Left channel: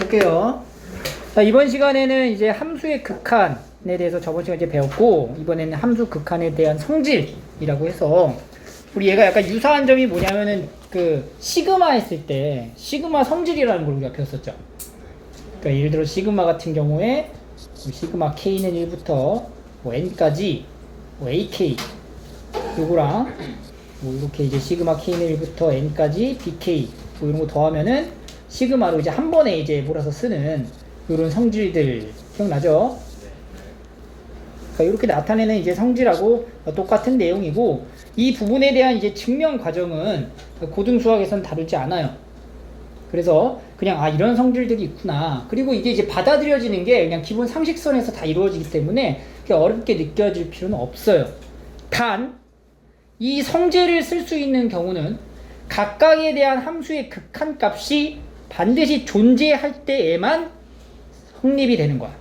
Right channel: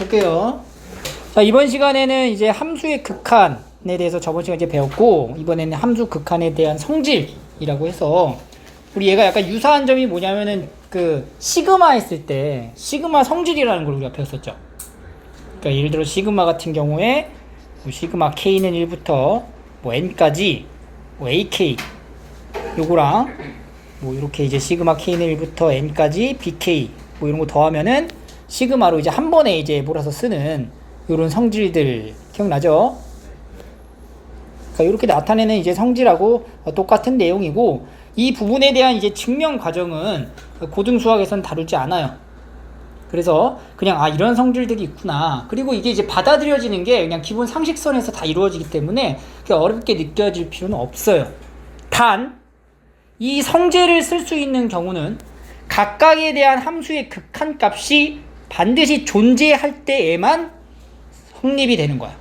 볼게요. 자, 이번 시간에는 이제 함수의 극한에 대해서 저번 시간에 이제 배웠고, 이번에는 함수 극한에 대한 성질이라고 해서, 우리 얘가 약간 유사한 점이 뭐냐면은, 시그마 했을 때, 시그마 성질이라는 걸 우리가 배웠었죠. 그러니까 예를 들어, 시그마 같은 경우에, 시그마 K는 1부터, N까지, AK, 요거랑, 이렇게 이제 시그마 K는 1부터 N까지, BK, 이런 거 더하면은, 시그마로 이제 한 번에 이제 몰아서 쓰는 이런 성질들 기억나죠? 그러니까 이렇게 나타내는 이제 성질하고 똑같은 내용이고, 이 부분에 대한 이제 증명 과정은 고등수학에서는 다루지 않아요. 그래서 그냥 이런 성질들이 있구나. 그리고 이게 이제 받아들여지는 게 그냥 기본 상식선에서 다 이루어지기 때문에 그렇게 어렵게 느껴질 필요는 없어요. 단 이 성질을 쓸 수 있는 경우는 각각에 대한 함수의 극한값이 반드시 존재할 때에만 성립이 되는 거야.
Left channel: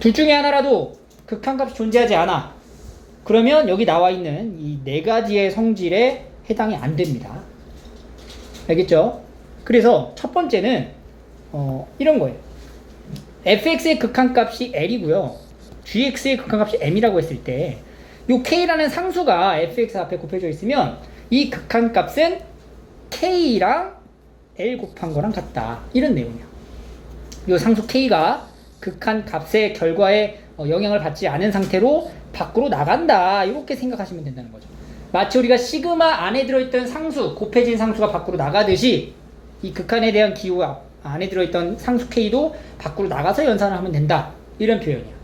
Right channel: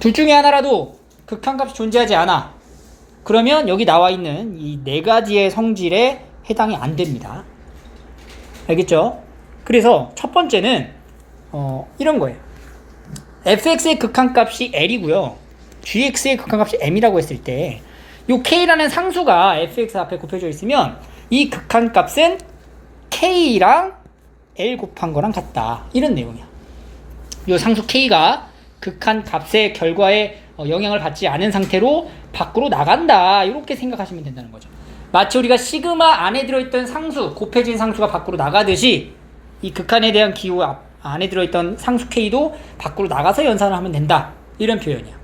둘 중에 하나라도 극한값이 존재하지 않아. 그러면 여기 나와 있는 이 네 가지의 성질에 해당이 안 됩니다. 알겠죠? 그래서 첫 번째는 이런 거예요. fx의 극한값이 l이고요. gx의 극한값이 m이라고 했을 때 이 k라는 상수가 fx 앞에 곱해져 있으면 이 극한값은 k랑 l 곱한 거랑 같다. 이런 내용이야. 이 상수 k가 극한값의 결과에 영향을 받지 않은 상태로 밖으로 나간다. 이렇게 생각하시면 된다는 거죠. 마치 우리가 시그마 안에 들어있던 상수, 곱해진 상수가 밖으로 나가듯이 이 극한에 대한 기호 안에 들어있던 상수 k도 밖으로 나가서 연산을 하면 된다. 이런 표현이야.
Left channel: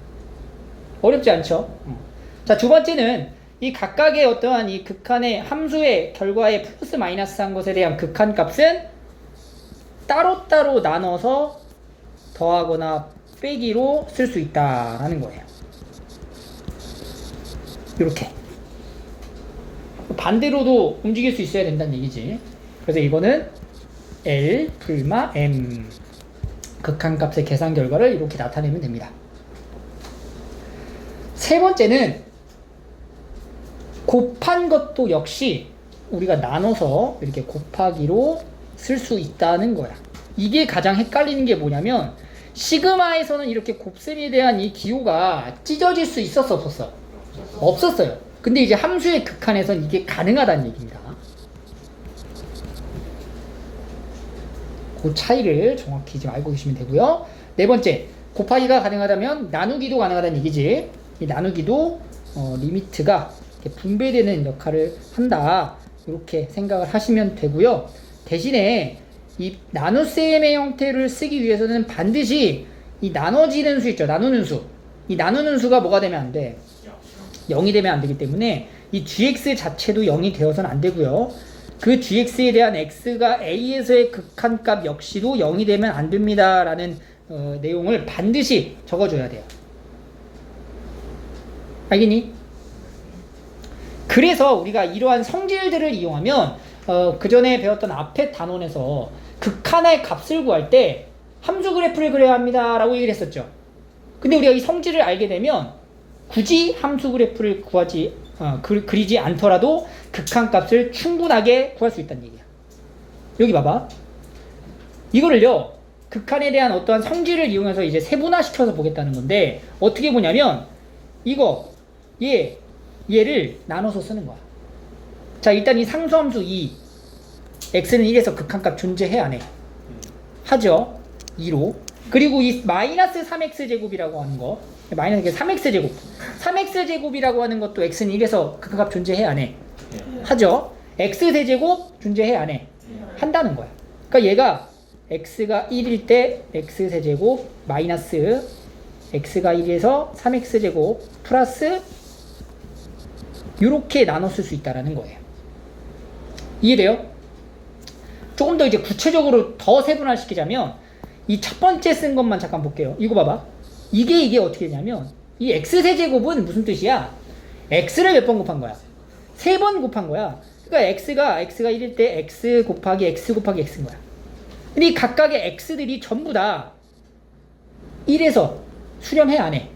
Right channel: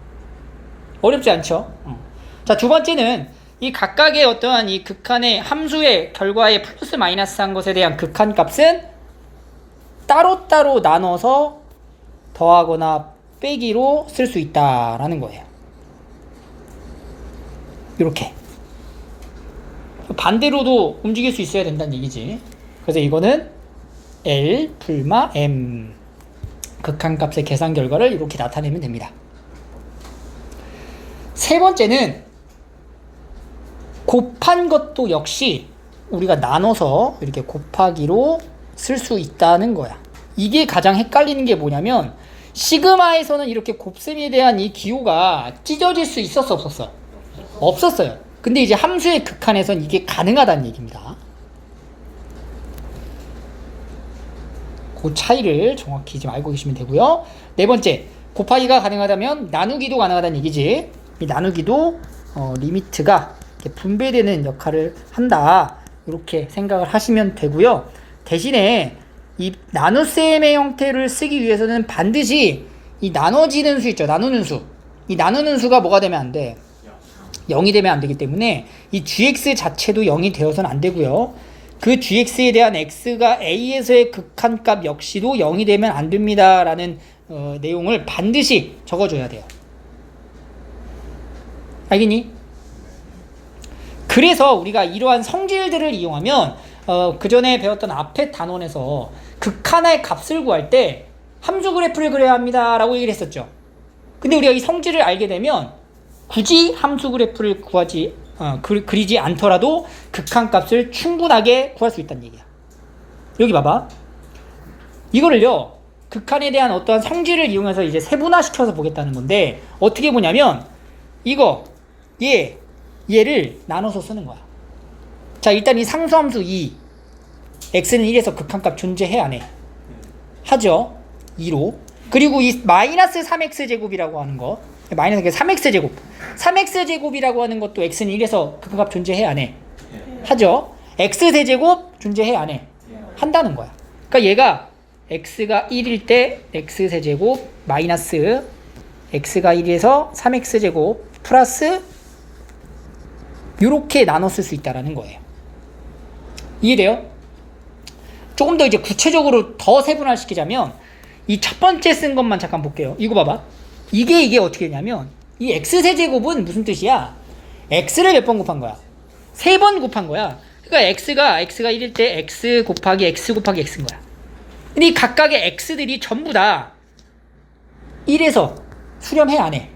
어렵지 않죠? 자, 두 번째는 이 각각의 어떠한 이 극한의 함수의 결과에 플러스 마이너스 한 것에 대한 극한값은 따로따로 나눠서 더하거나 빼기로 쓸 수 있다라는 거예요. 이렇게 반대로도 움직일 수 있어야 된다는 얘기지. 그래서 이거는 L 불마 M 극한값의 계산 결과를 이렇게 나타내면 됩니다. 세 번째는 곱한 것도 역시 우리가 나눠서 이렇게 곱하기로 쓸 수 있다는 거야. 이게 가장 헷갈리는 게 뭐냐면 시그마에서는 이렇게 곱셈에 대한 이 기호가 찢어질 수 있었어 없었어? 없었어요. 근데 이제 함수의 극한에서는 이게 가능하다는 얘기입니다. 그 차이를 정확히 좀 알고 계시면 되고요. 네 번째, 곱하기가 가능하다면 나누기도 가능하다는 얘기지. 이 나누기도 리미트가 이렇게 분배되는 역할을 한다. 이렇게 생각을 하시면 되고요. 대신에 이 나눗셈의 형태를 쓰기 위해서는 반드시 이 나눠지는 수 있죠. 나누는 수. 이 나누는 수가 뭐가 되면 안 돼? 0이 되면 안 되기 때문에 이 gx 자체도 0이 되어서는 안 되고요. 그 gx에 대한 x가 a에서의 극한값 역시도 0이 되면 안 됩니다. 라는 내용을 반드시 적어줘야 돼요. 알겠니? 그래서 우리가 이러한 성질들을 이용하면 그 전에 배웠던 앞에 단원에서 극한의 값을 구할 때 함수 그래프를 그려야 합니다 라고 얘기를 했었죠. 근데 우리가 이 성질을 알게 되면 굳이 함수 그래프를 그리지 않더라도 극한값을 충분하게 구할 수 있다는 얘기야. 여기 봐봐. 이거를요, 극한에 대한 어떠한 성질을 이용해서 이제 세분화시켜서 보겠다는 건데, 어떻게 보냐면 얘를 나눠서 쓰는 거야. 자, 일단 이 상수함수 2 x는 1에서 극한값 존재해 안 해? 하죠. 2로. 그리고 이 마이너스 3x제곱이라고 하는 거, 마이너스 3x제곱 3x제곱이라고 하는 것도 x는 1에서 극한값 존재해 안 해? 하죠. x세제곱 존재해 안 해? 한다는 거야. 그러니까 얘가 x가 1일 때 x세제곱 마이너스 x가 1에서 3x제곱 플러스 이렇게 나눠 쓸 수 있다는 거예요. 이해돼요? 조금 더 이제 구체적으로 더 세분화시키자면 이 첫 번째 쓴 것만 잠깐 볼게요. 이거 봐봐. 이게 어떻게 되냐면 이 x세제곱은 무슨 뜻이야? x를 몇 번 곱한 거야? 3번 곱한 거야. 그러니까 x가 1일 때 x 곱하기 x 곱하기 x인 거야. 근데 이 각각의 x들이 전부 다 1에서 수렴해 안 해?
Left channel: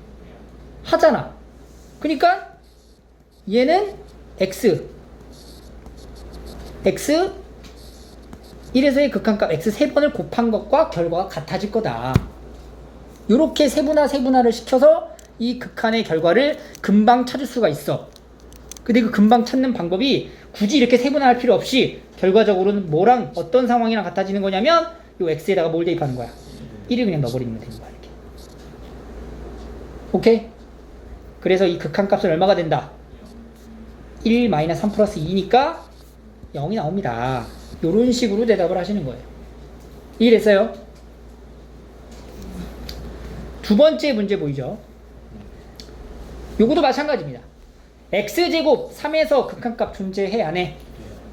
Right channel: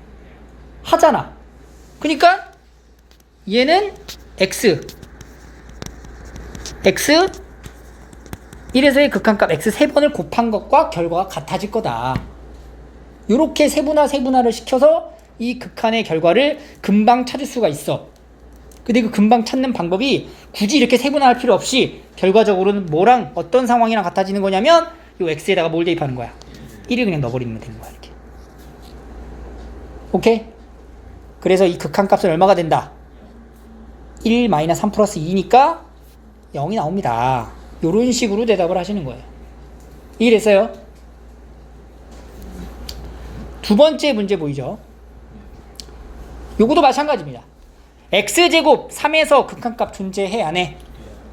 하잖아. 그러니까 얘는 x 1에서의 극한값 x 3번을 곱한 것과 결과가 같아질 거다. 요렇게 세분화를 시켜서 이 극한의 결과를 금방 찾을 수가 있어. 근데 그 금방 찾는 방법이 굳이 이렇게 세분화할 필요 없이 결과적으로는 뭐랑 어떤 상황이랑 같아지는 거냐면 요 x에다가 뭘 대입하는 거야? 1을 그냥 넣어버리면 되는 거야. 이렇게. 오케이? 그래서 이 극한값은 얼마가 된다? 1 마이너스 3 플러스 2니까 0이 나옵니다. 요런 식으로 대답을 하시는 거예요. 이해됐어요? 두 번째 문제 보이죠? 요것도 마찬가지입니다. x제곱 3에서 극한값 존재해 안 해?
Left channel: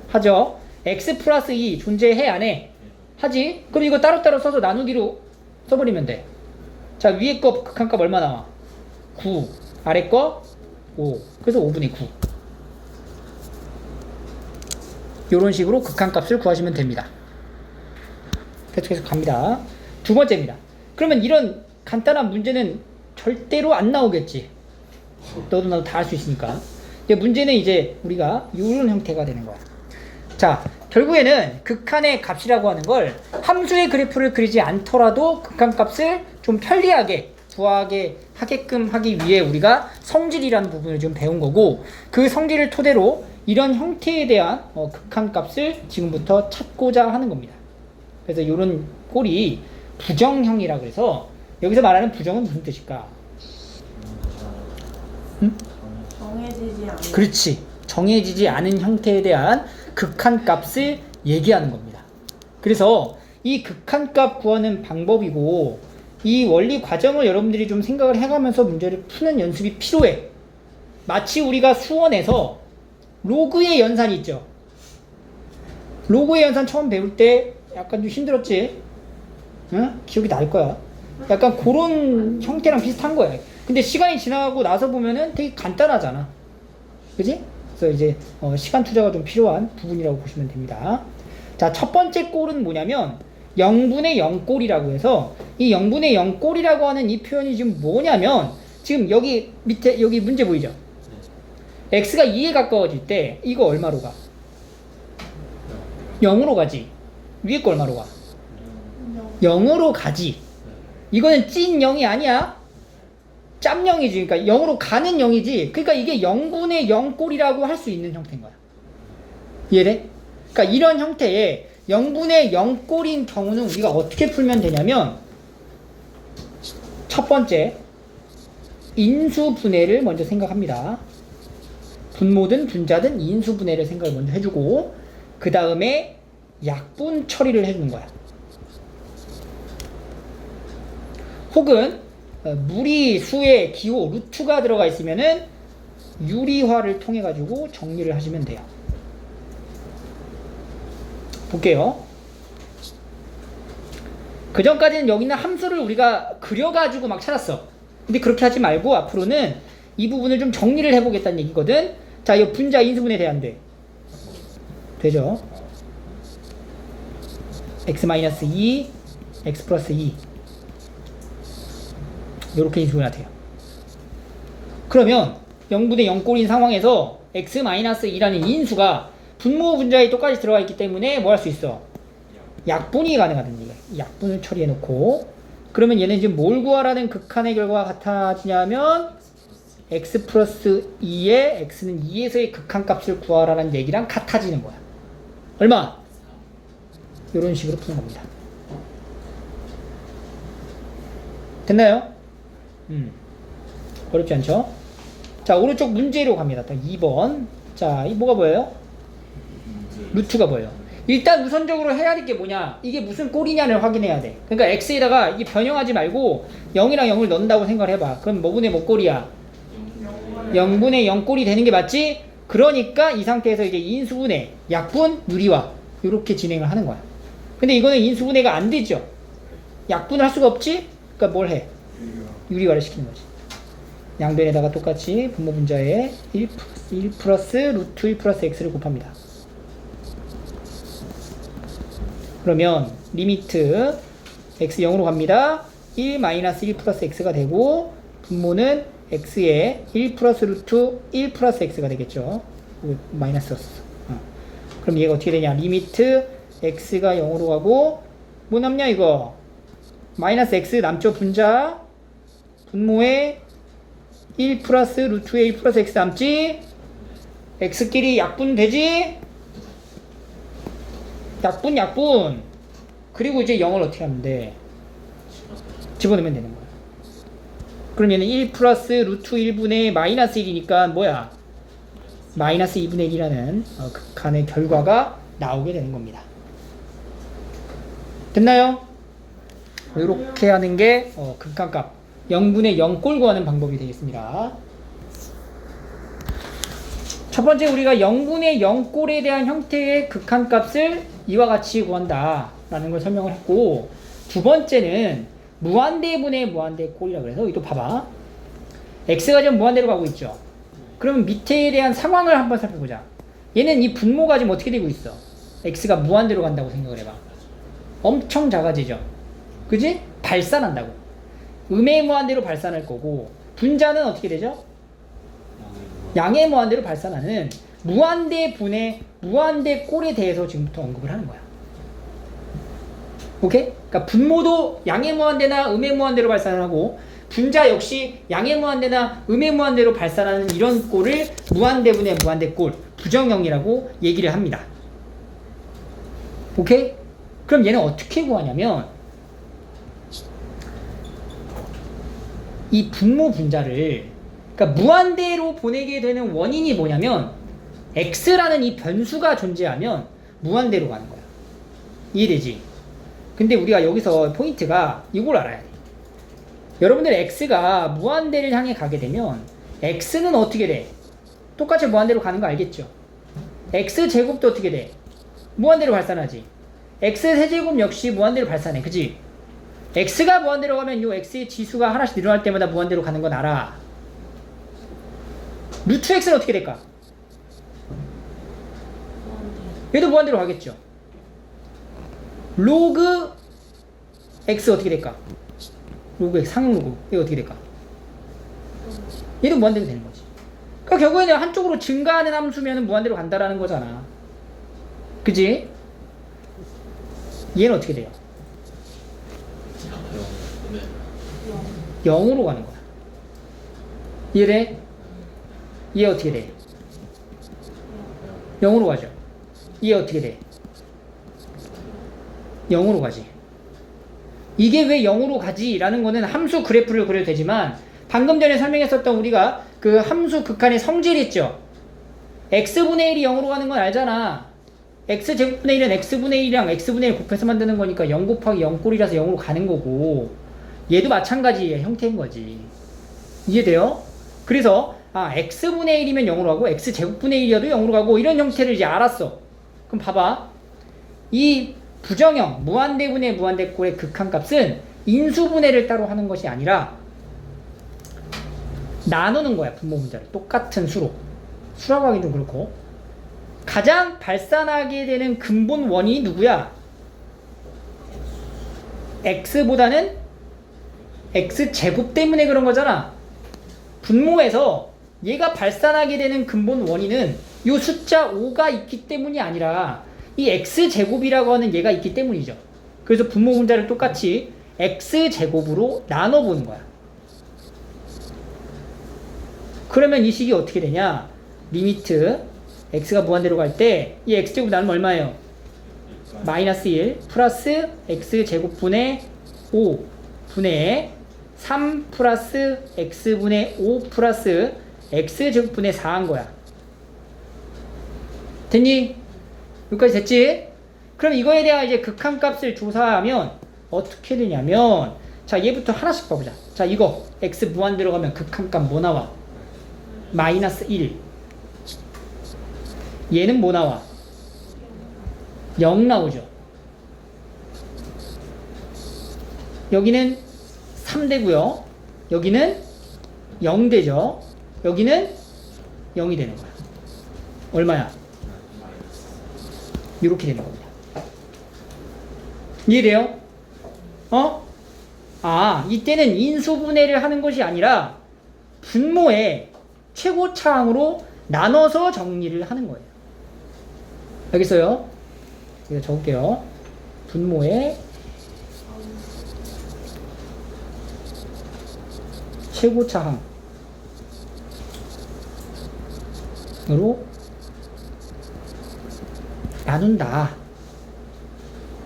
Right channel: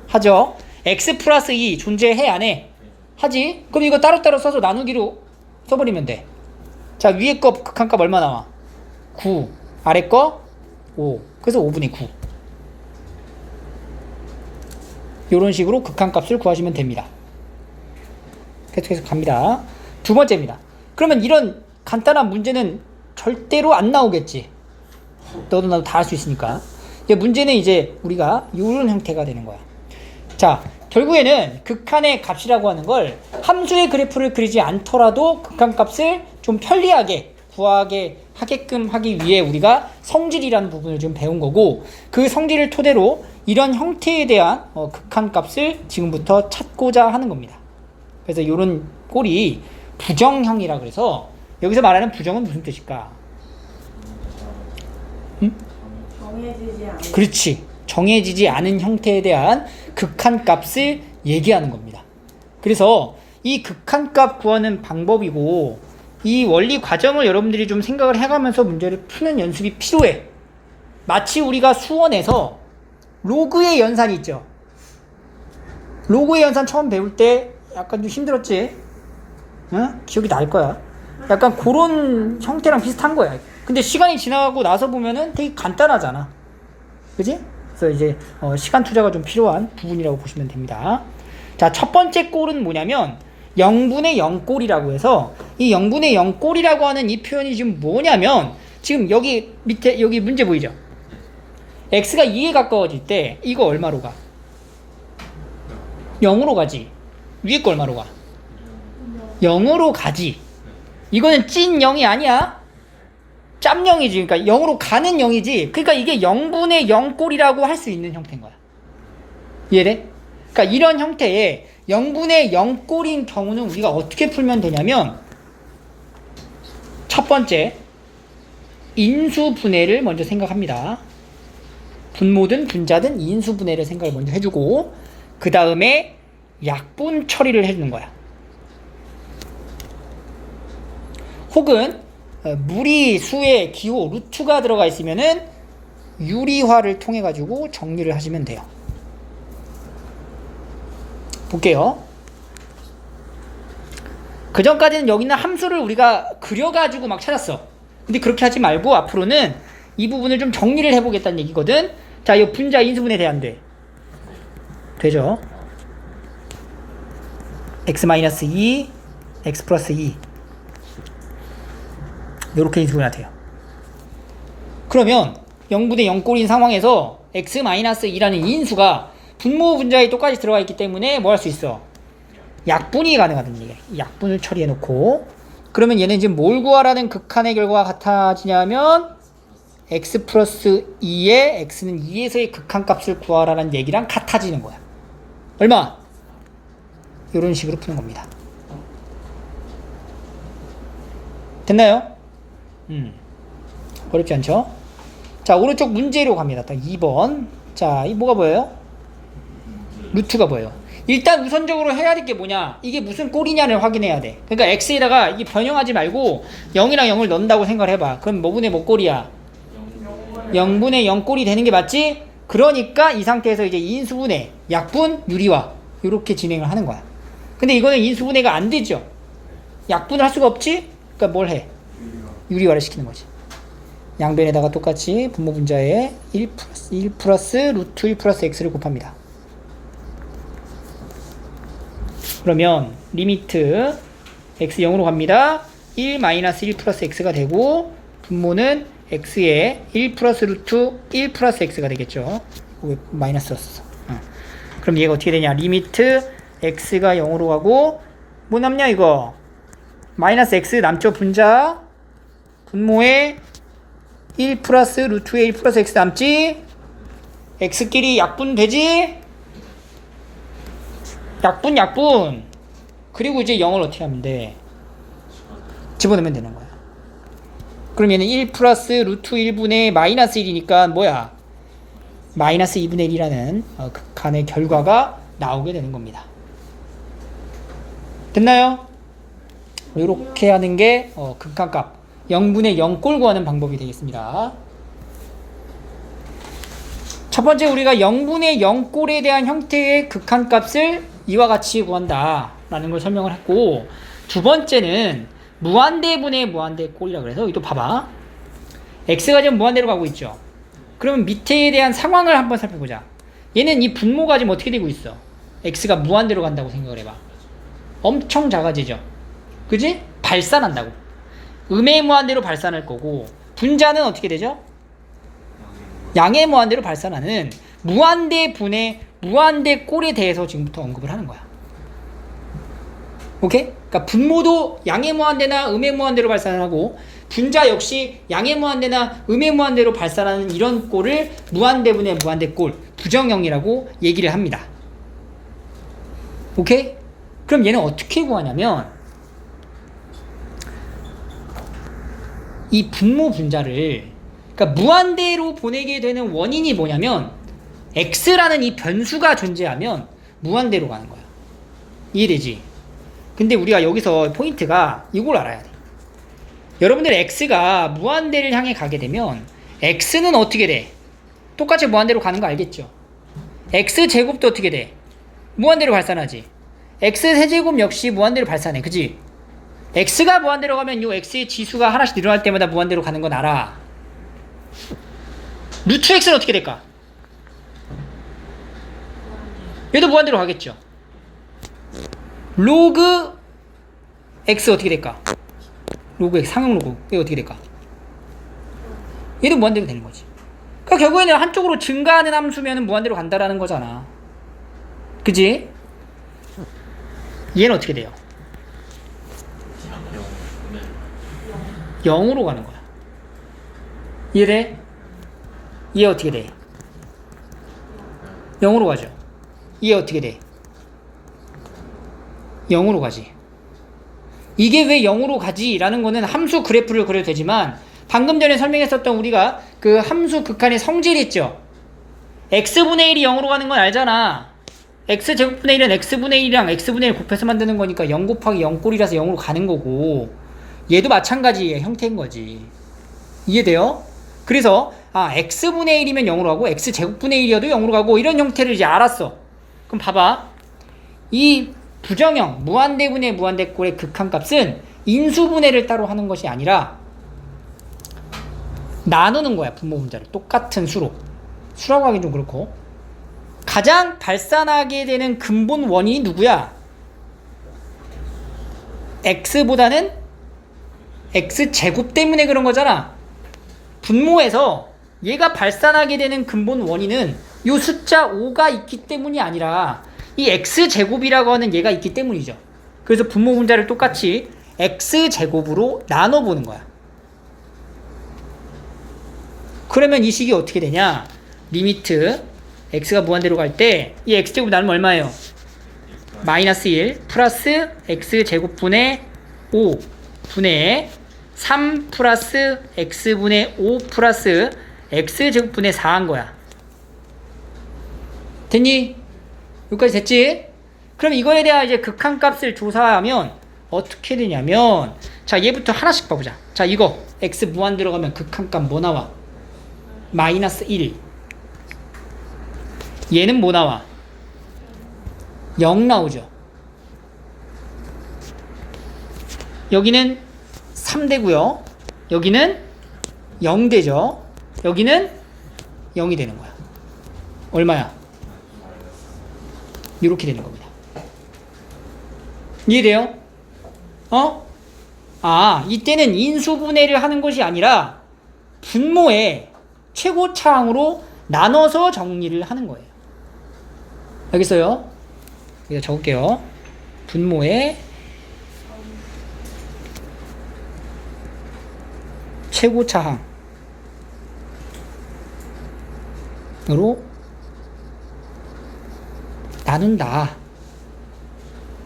하죠. x 플러스 2 존재해 안 해? 하지. 그럼 이거 따로따로 써서 나누기로 써버리면 돼. 자, 위에 거 극한값 얼마 나와? 9. 아래 거 5. 그래서 5분의 9. 요런 식으로 극한값을 구하시면 됩니다. 계속해서 갑니다. 두 번째입니다. 그러면 이런 간단한 문제는 절대로 안 나오겠지. 너도 나도 다 할 수 있으니까. 근데 문제는 이제 우리가 이런 형태가 되는 거야. 자, 결국에는 극한의 값이라고 하는 걸 함수의 그래프를 그리지 않더라도 극한값을 좀 편리하게 구하게 하게끔 하기 위해 우리가 성질이라는 부분을 좀 배운 거고, 그 성질을 토대로 이런 형태에 대한 극한값을 지금부터 찾고자 하는 겁니다. 그래서 이런 꼴이 부정형이라 그래서 여기서 말하는 부정은 무슨 뜻일까? 응? 정해지지 않은. 그렇지. 정해지지 않은 형태에 대한 극한값을 얘기하는 겁니다. 그래서 이 극한값 구하는 방법이고 이 원리 과정을 여러분들이 좀 생각을 해가면서 문제를 푸는 연습이 필요해. 마치 우리가 수원에서 로그의 연산이 있죠. 로그의 연산 처음 배울 때 약간 좀 힘들었지? 응? 기억이 날 거야. 약간 그런 형태랑 비슷한 거야. 근데 시간이 지나고 나서 보면은 되게 간단하잖아. 그지? 그래서 이제 시간 투자가 좀 필요한 부분이라고 보시면 됩니다. 자, 첫 번째 꼴은 뭐냐면 0분의 0꼴이라고 해서 이 0분의 0꼴이라고 하는 이 표현이 지금 뭐냐면 지금 여기 밑에 여기 문제 보이죠? x가 2에 가까워질 때 이거 얼마로 가? 0으로 가지. 위에 거 얼마로 가? 0으로 가지. 이거는 찐 0이 아니야. 짬 0이지. 그러니까 0으로 가는 0이지. 그러니까 이게 0분의 0꼴이라고 할 수 있는 형태인 거야. 이해돼? 그러니까 이런 형태의 0분의 0꼴인 경우는 우리가 어떻게 풀면 되냐면 첫 번째 인수분해를 먼저 생각합니다. 분모든 분자든 인수분해를 생각을 먼저 해주고 그 다음에 약분 처리를 해주는 거야. 혹은 무리수의 기호 루트가 들어가 있으면은 유리화를 통해 가지고 정리를 하시면 돼요. 볼게요. 그 전까지는 여기 있는 함수를 우리가 그려가지고 막 찾았어. 근데 그렇게 하지 말고 앞으로는 이 부분을 좀 정리를 해보겠다는 얘기거든. 자, 이 분자 인수분해 돼안돼? 되죠? x-2, x 플러스 2 이렇게 인수분해가 돼요. 그러면 0분의 0꼴인 상황에서 x-2라는 인수가 분모 분자에 똑같이 들어가 있기 때문에 뭐 할 수 있어? 약분이 가능하다는 얘기야. 약분을 처리해 놓고 그러면 얘는 지금 뭘 구하라는 극한의 결과가 같아지냐면 x 플러스 2에 x는 2에서의 극한값을 구하라는 얘기랑 같아지는 거야. 얼마? 이런 식으로 푸는 겁니다. 됐나요? 어렵지 않죠? 자, 오른쪽 문제로 갑니다. 2번. 자, 이 뭐가 보여요? 루트가 보여요. 일단 우선적으로 해야 될 게 뭐냐? 이게 무슨 꼴이냐를 확인해야 돼. 그러니까 x에다가 이게 변형하지 말고 0이랑 0을 넣는다고 생각을 해봐. 그럼 뭐분의 뭐 꼴이야? 0분의 0꼴이 되는 게 맞지? 그러니까 이 상태에서 이제 인수분해, 약분, 유리화 이렇게 진행을 하는 거야. 근데 이거는 인수분해가 안 되죠. 약분을 할 수가 없지? 그러니까 뭘 해? 유리화를 시키는 거지. 양변에다가 똑같이 분모 분자에 1 플러스 루트 1 플러스 x를 곱합니다. 그러면 리미트 x 0으로 갑니다. 1 마이너스 1 플러스 x가 되고 분모는 x에 1 플러스 루트 1 플러스 x가 되겠죠. 왜 마이너스 썼어? 그럼 얘가 어떻게 되냐? 리미트 x가 0으로 가고 뭐 남냐 이거 마이너스 x 남죠. 분자 분모에 1 플러스 루트에 1 플러스 x 남지. x끼리 약분 되지. 약분 그리고 이제 0을 어떻게 하면 돼? 집어넣으면 되는 거야. 그럼 얘는 1 플러스 루트 1분의 마이너스 1이니까 뭐야? 마이너스 2분의 1이라는 극한의 결과가 나오게 되는 겁니다. 됐나요? 이렇게 하는 게 극한값 0분의 0꼴 구하는 방법이 되겠습니다. 첫 번째 우리가 0분의 0꼴에 대한 형태의 극한값을 이와 같이 구한다 라는 걸 설명을 했고, 두 번째는 무한대분의 무한대꼴이라고 해서 여기 또 봐봐. x가 지금 무한대로 가고 있죠. 그러면 밑에에 대한 상황을 한번 살펴보자. 얘는 이 분모가 지금 어떻게 되고 있어? x가 무한대로 간다고 생각을 해봐. 엄청 작아지죠. 그지? 발산한다고. 음의 무한대로 발산할 거고, 분자는 어떻게 되죠? 양의 무한대로 발산하는 무한대분의 무한대꼴에 대해서 지금부터 언급을 하는 거야. 오케이? 그러니까 분모도 양의 무한대나 음의 무한대로 발산을 하고, 분자 역시 양의 무한대나 음의 무한대로 발산하는 이런 꼴을 무한대분의 무한대꼴, 부정형이라고 얘기를 합니다. 오케이? 그럼 얘는 어떻게 구하냐면, 이 분모 분자를, 그러니까 무한대로 보내게 되는 원인이 뭐냐면 x라는 이 변수가 존재하면 무한대로 가는 거야. 이해되지? 근데 우리가 여기서 포인트가 이걸 알아야 돼. 여러분들 x가 무한대를 향해 가게 되면 x는 어떻게 돼? 똑같이 무한대로 가는 거 알겠죠? x제곱도 어떻게 돼? 무한대로 발산하지. x세제곱 역시 무한대로 발산해. 그지? x가 무한대로 가면 이 x의 지수가 하나씩 늘어날 때마다 무한대로 가는 건 알아. 루트 x는 어떻게 될까? 얘도 무한대로 가겠죠. 로그 x 어떻게 될까? 로그 x, 상용 로그 얘 어떻게 될까? 얘도 무한대로 되는 거지. 그러니까 결국에는 한쪽으로 증가하는 함수면 무한대로 간다라는 거잖아. 그지? 얘는 어떻게 돼요? 0으로 가는 거야. 이해돼? 얘 어떻게 돼? 0으로 가죠. 얘 어떻게 돼? 0으로 가지. 이게 왜 0으로 가지? 라는 거는 함수 그래프를 그려도 되지만, 방금 전에 설명했었던 우리가 그 함수 극한의 성질 있죠? x분의 1이 0으로 가는 건 알잖아. x제곱분의 1은 x분의 1이랑 x분의 1 곱해서 만드는 거니까 0 곱하기 0꼴이라서 0으로 가는 거고, 얘도 마찬가지의 형태인 거지. 이해돼요? 그래서 x분의 1이면 0으로 가고 x제곱분의 1이어도 0으로 가고 이런 형태를 이제 알았어. 그럼 봐봐. 이 부정형 무한대분의 무한대꼴의 극한값은 인수분해를 따로 하는 것이 아니라 나누는 거야. 분모 분자를 똑같은 수로. 수라고 하긴 좀 그렇고, 가장 발산하게 되는 근본 원인이 누구야? x보다는 x제곱 때문에 그런 거잖아. 분모에서 얘가 발산하게 되는 근본 원인은 이 숫자 5가 있기 때문이 아니라 이 x제곱이라고 하는 얘가 있기 때문이죠. 그래서 분모 분자를 똑같이 x제곱으로 나눠보는 거야. 그러면 이 식이 어떻게 되냐? 리미트 x가 무한대로 갈 때 이 x제곱 나누면 얼마예요? 마이너스 1 플러스 x제곱분의 5 분의 3 플러스 x분의 5 플러스 x제곱분의 4한 거야. 됐니? 여기까지 됐지? 그럼 이거에 대한 이제 극한값을 조사하면 어떻게 되냐면, 자, 얘부터 하나씩 봐보자. 자, 이거 x 무한대로 가면 극한값 뭐 나와? 마이너스 1. 얘는 뭐 나와? 0 나오죠. 여기는 3되고요. 여기는 0되죠. 여기는 0이 되는 거야. 얼마야? 이렇게 되는 겁니다. 이해돼요? 이때는 인수분해를 하는 것이 아니라 분모의 최고차항으로 나눠서 정리를 하는 거예요. 알겠어요? 여기다 적을게요. 분모의 최고차항으로 나눈다.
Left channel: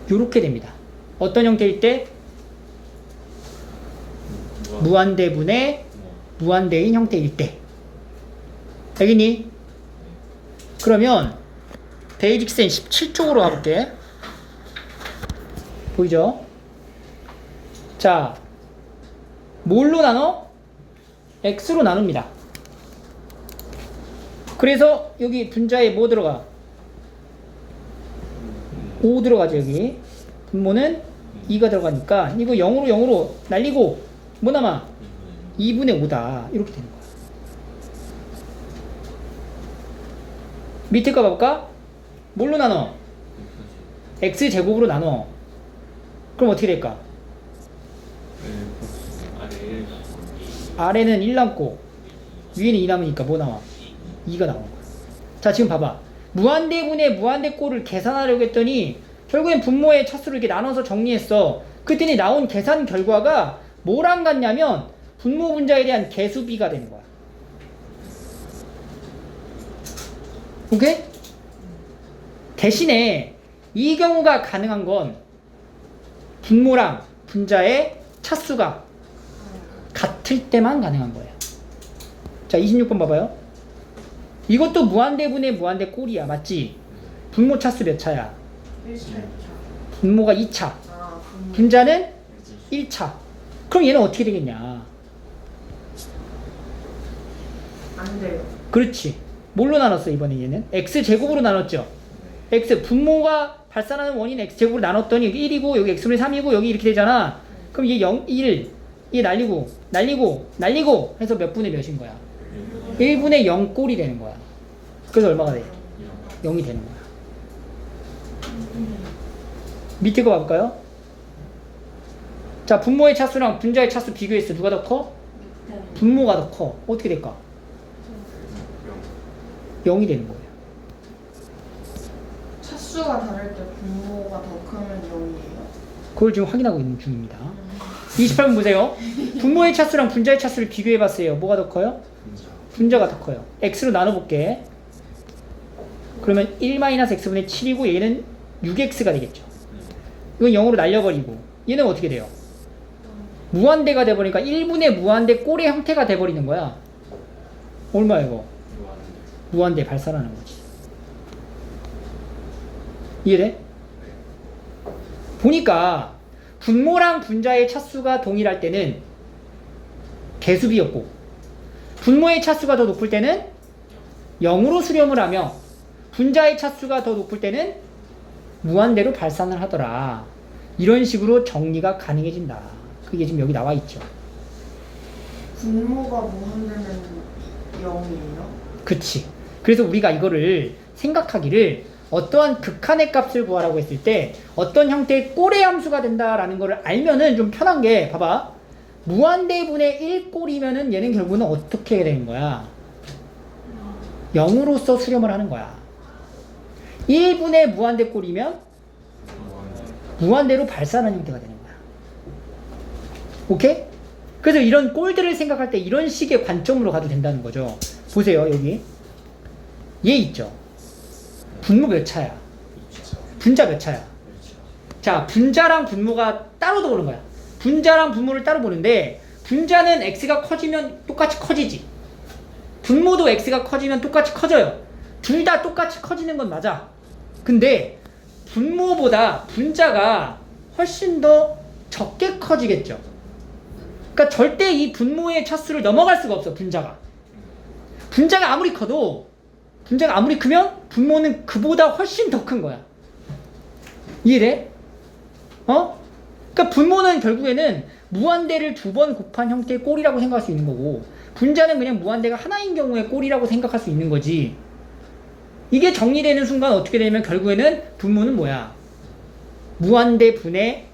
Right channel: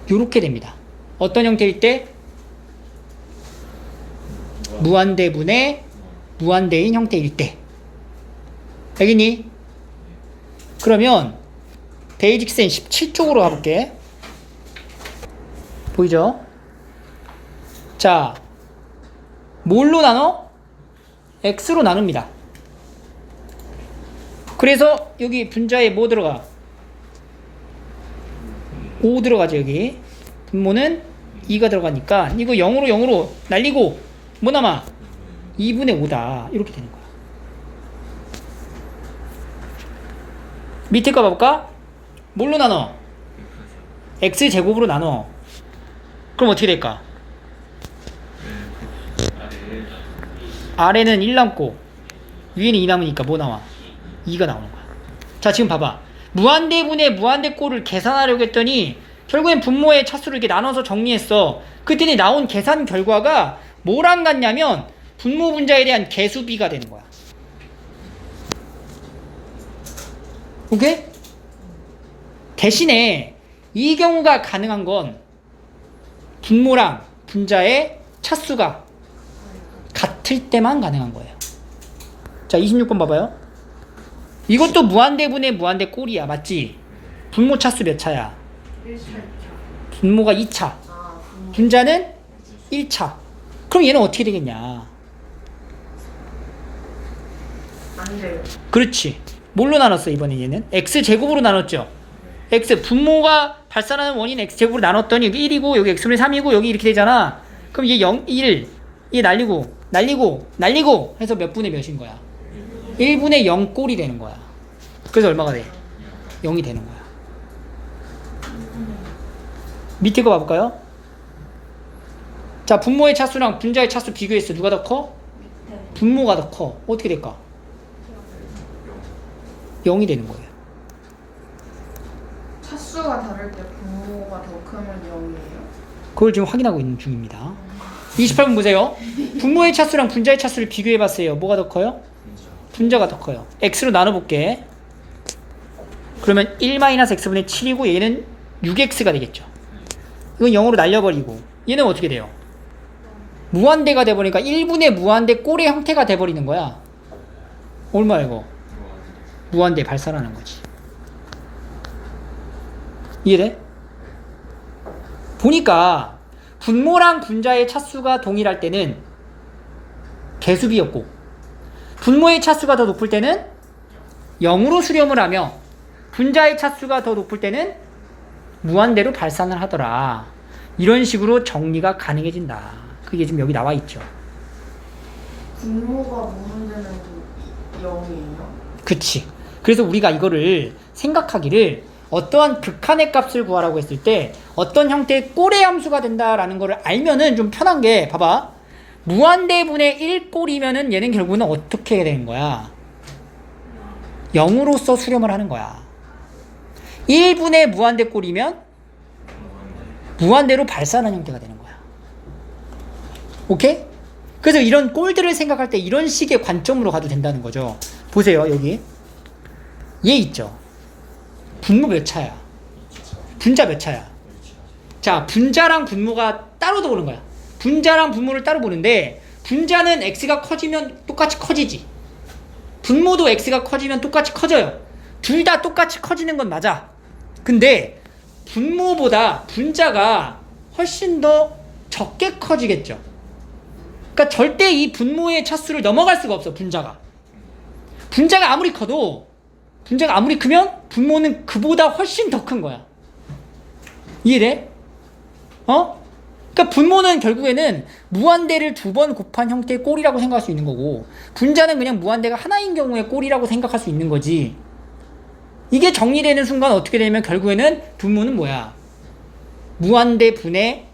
요렇게 됩니다. 어떤 형태일 때? 무한대분의 무한대인 형태일 때. 알겠니? 그러면 대직선 17쪽으로 가볼게. 보이죠? 자, 뭘로 나눠? x로 나눕니다. 그래서 여기 분자에 뭐 들어가? 5 들어가죠. 여기 분모는 2가 들어가니까 이거 0으로 날리고 뭐 남아? 2분의 5다. 이렇게 되는 거야. 밑에 거 봐볼까? 뭘로 나눠? x제곱으로 나눠. 그럼 어떻게 될까? 아래는 1 남고 위에는 2 남으니까 뭐 나와? 2가 나오는 거야. 자, 지금 봐봐. 무한대분의 무한대꼴을 계산하려고 했더니 결국엔 분모의 차수를 이렇게 나눠서 정리했어. 그랬더니 나온 계산 결과가 뭐랑 같냐면 분모 분자에 대한 개수비가 되는 거야. 오케이? 대신에 이 경우가 가능한 건 분모랑 분자의 차수가 같을 때만 가능한 거예요. 자, 26번 봐봐요. 이것도 무한대분의 무한대꼴이야. 맞지? 분모 차수 몇 차야? 1차. 분모가 2차. 아, 분자는 1차. 그럼 얘는 어떻게 되겠냐? 안 돼요. 그렇지. 뭘로 나눴어 이번에 얘는? x제곱으로 나눴죠. x 분모가 발산하는 원인 x제곱으로 나눴더니 여기 1이고 여기 x분의 3이고 여기 이렇게 되잖아. 그럼 얘 0, 1, 얘 날리고 해서 몇 분의 몇인 거야? 1분의 0 꼴이 되는 거야. 그래서 얼마가 돼? 0이 되는 거야. 밑에 거 봐볼까요? 자, 분모의 차수랑 분자의 차수 비교했어. 누가 더 커? 분모가 더 커. 어떻게 될까? 0이 되는 거예요. 차수가 다를 때 분모가 더 크면 0이에요? 그걸 지금 확인하고 있는 중입니다. 28번 보세요. 분모의 차수랑 분자의 차수를 비교해봤어요. 뭐가 더 커요? 분자가 더 커요. x로 나눠볼게. 그러면 1-x분의 7이고 얘는 6x가 되겠죠. 이건 0으로 날려버리고 얘는 어떻게 돼요? 무한대가 돼버리니까 1분의 무한대 꼴의 형태가 돼버리는 거야. 얼마야 이거? 무한대 발산하는 거지. 이해돼? 보니까 분모랑 분자의 차수가 동일할 때는 개수비였고 분모의 차수가 더 높을 때는 0으로 수렴을 하며 분자의 차수가 더 높을 때는 무한대로 발산을 하더라. 이런 식으로 정리가 가능해진다. 그게 지금 여기 나와 있죠. 분모가 무한대면 0이에요? 그치. 그래서 우리가 이거를 생각하기를 어떠한 극한의 값을 구하라고 했을 때 어떤 형태의 꼴의 함수가 된다라는 거를 알면은 좀 편한 게 봐봐. 무한대분의 1꼴이면은 얘는 결국은 어떻게 되는 거야? 0으로서 수렴을 하는 거야. 1분의 무한대 꼴이면 무한대로 발산하는 형태가 되는 거야. 오케이? 그래서 이런 꼴들을 생각할 때 이런 식의 관점으로 가도 된다는 거죠. 보세요, 여기. 얘 있죠? 분모 몇 차야? 분자 몇 차야? 자, 분자랑 분모가 따로 보는 거야. 분자랑 분모를 따로 보는데 분자는 x가 커지면 똑같이 커지지. 분모도 x가 커지면 똑같이 커져요. 둘 다 똑같이 커지는 건 맞아. 근데 분모보다 분자가 훨씬 더 적게 커지겠죠. 그러니까 절대 이 분모의 차수를 넘어갈 수가 없어. 분자가 아무리 커도 분자가 아무리 크면 분모는 그보다 훨씬 더 큰 거야. 이해돼? 그러니까 분모는 결국에는 무한대를 2번 곱한 형태의 꼴이라고 생각할 수 있는 거고 분자는 그냥 무한대가 하나인 경우의 꼴이라고 생각할 수 있는 거지. 이게 정리되는 순간 어떻게 되냐면 결국에는 분모는 뭐야? 무한대 분의